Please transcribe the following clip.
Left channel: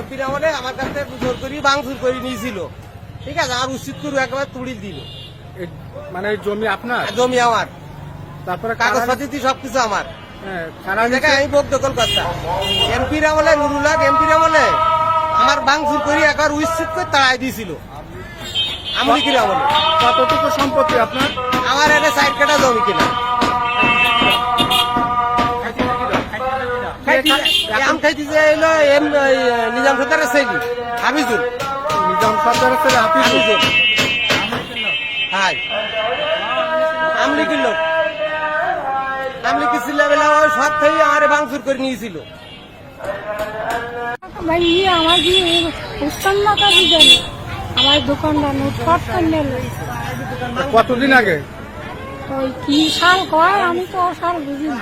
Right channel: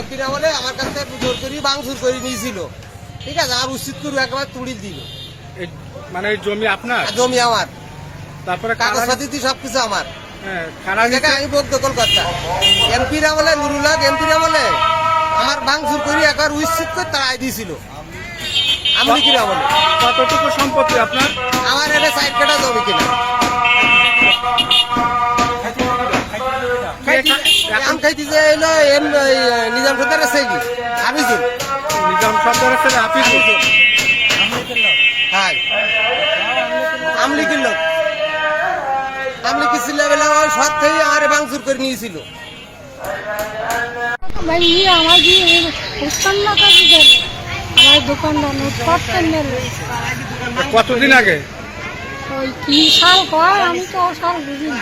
এমপিরা বলে আমার কাছ থেকে জোর করে ভাঙচুর করে নিয়েছিল, ঠিক আছে, আর উচিত করে একবার তুড়ি দিল। মানে জমি আপনার? জমি আমার, তারপরে কাগজপাতি সবকিছু আমার। কারা আমি ভোগ দখল করতাম। এমপিরা বলে নুরুল্লাহ এমপিরা বলে আমার ভাঙচুর করে একবার উচিত করে তাড়াই দিয়েছিল। আমলিকিরা বলে। কতটুকু সম্পত্তি আপনার? আমার এনে 4 কাঠা জমি কিনা। আম খাইতেছে এলো নিজাম সর্দারের ছেলে হাফিজুল। নিজাম সর্দারের ছেলে হাফিজুল? হ্যাঁ, আমলিকির লোক। আমলিকি ছিল বেলা ওই সব থেকে আমার ভাঙচুর করে নিয়েছিল। আমার দোকানদার কতদিন আগে? ওই কি সাল কয় আমি তো সাল বুঝি না।